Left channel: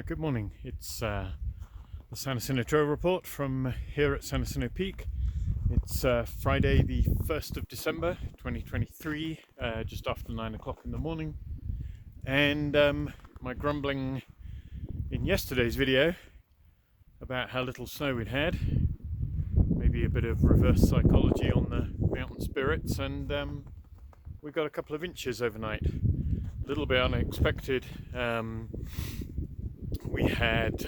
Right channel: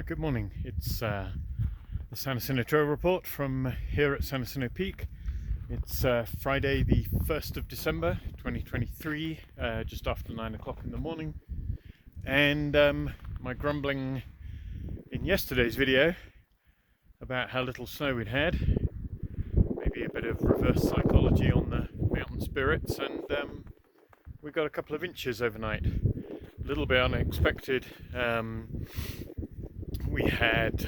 Good morning. It's the San Jacinto Trail Report from here at San Jacinto Peak. It's Friday the 1st of December 2023, just after 9 o'clock in the morning. And my grumbling in yesterday's video about how little snow we'd had, maybe a bit of reverse psychology on the mountain spirits, and we got a couple of inches overnight. A little bit unexpected. We had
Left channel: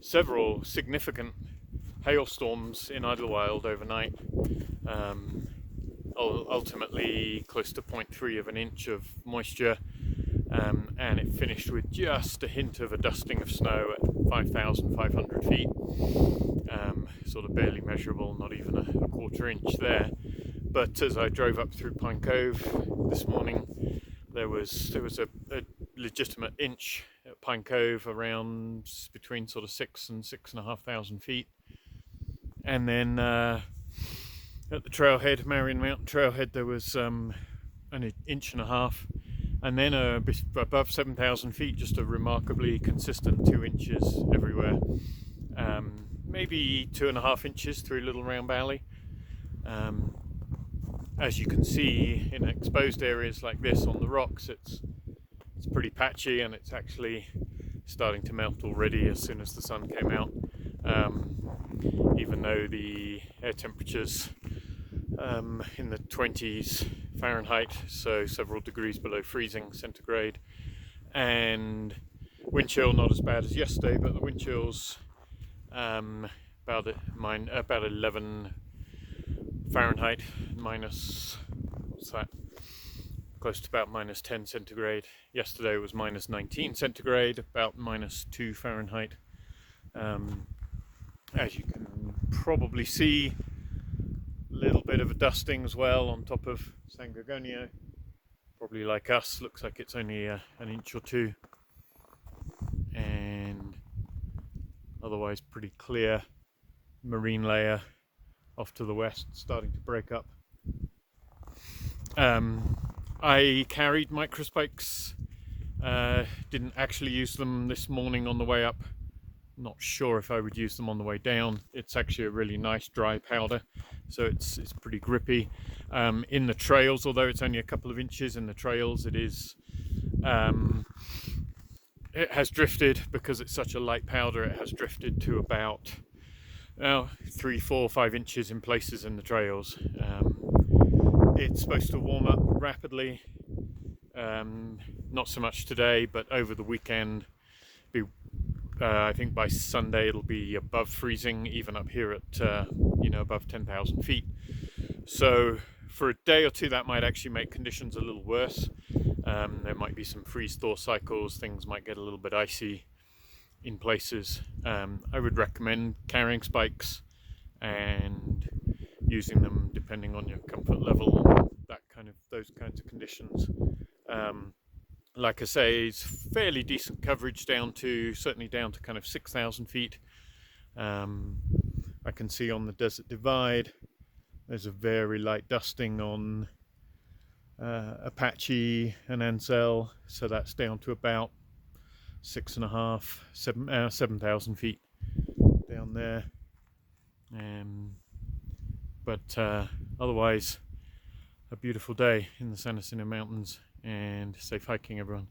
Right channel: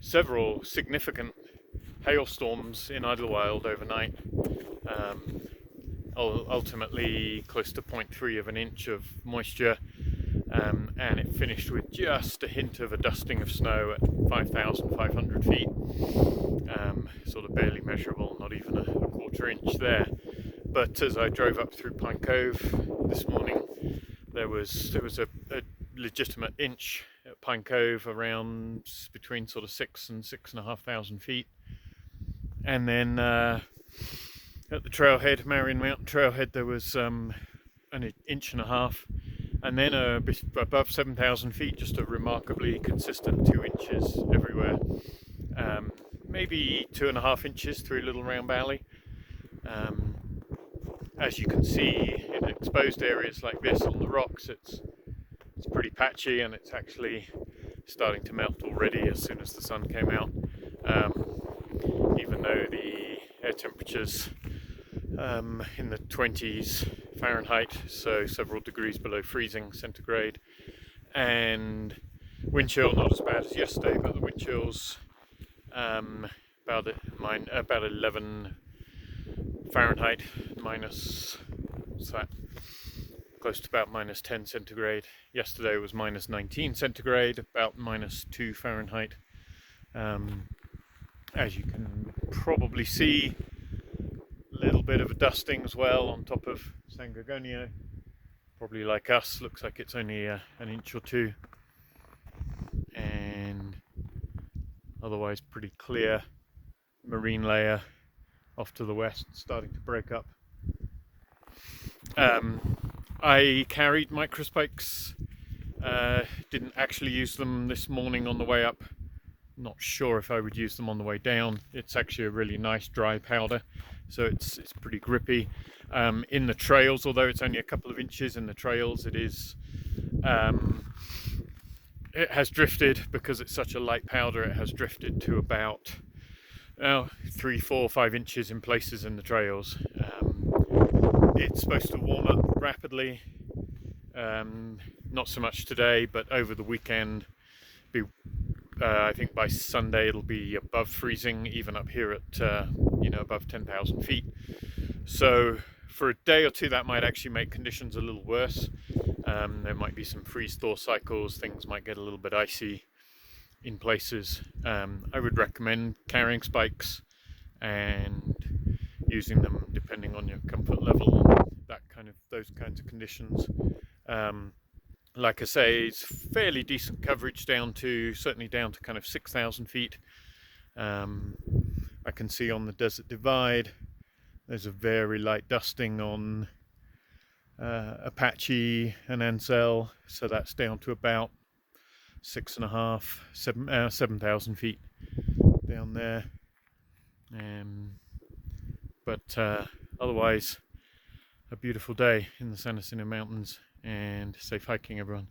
several significant hailstorms in Idlewild overnight, ultimately close to 0.3 of an inch of moisture, and it finished with just a hint of a dusting of snow at 5,500 feet, sort of barely measurable, not even a quarter inch there. But as I drove up through Pine Cove this morning, there was a legitimate inch at Pine Cove, around between sort of 6,000 and 6,500 feet, and then at the trailhead, Marion Mountain Trailhead, there was an inch and a half, and then above 7,000 feet, just a remarkably consistent 2 inches everywhere. Maybe 2.5 inches through Little Round Valley. As you can see, in exposed areas like this on the rocks, it's pretty patchy, and it's actually starting to melt already as soon as the sun came out, even though the air temperatures in the 20s Fahrenheit, so several degrees below freezing centigrade, and wind chill not as bad as yesterday, but the wind chill's about 11 Fahrenheit, minus, what's that, close to about minus 10 centigrade. Yesterday was minus 19 centigrade, about minus 2 Fahrenheit. As you can probably see, a little bit of a dusting as well on top of San Gorgonio. Probably like us, looks like it's only an inch or two, and otherwise pretty clear marine layer off to the west, starting to break up. I carried microspikes, didn't actually use them this morning on the way up. Not sure if I would use them on the way down. It's actually a really nice dry powder, so it's pretty grippy. In the trails, although it's only a couple of inches in the trails, it has drifted, because it's such a light powder. It has drifted to about 3, 4, 5 inches in places in the trails. It's supposed to warm up rapidly, not so much today, but over the weekend. I think by Sunday it'll be above freezing, even up here at above 10,000 feet. So for a day or two that might actually make conditions a little worse. There might be some freeze-thaw cycles, things might get a little bit icy in places. I would recommend carrying spikes and using them depending on your comfort level and those kinds of conditions. Like I say, it's fairly decent coverage certainly down to kind of 6,000 feet. I can see on the Desert Divide there's a very light dusting on Apache and Ansel, so that's down to about 6,500, 7,000 feet down there. But otherwise, a beautiful day in the San Jacinto Mountains, and safe hiking, everyone.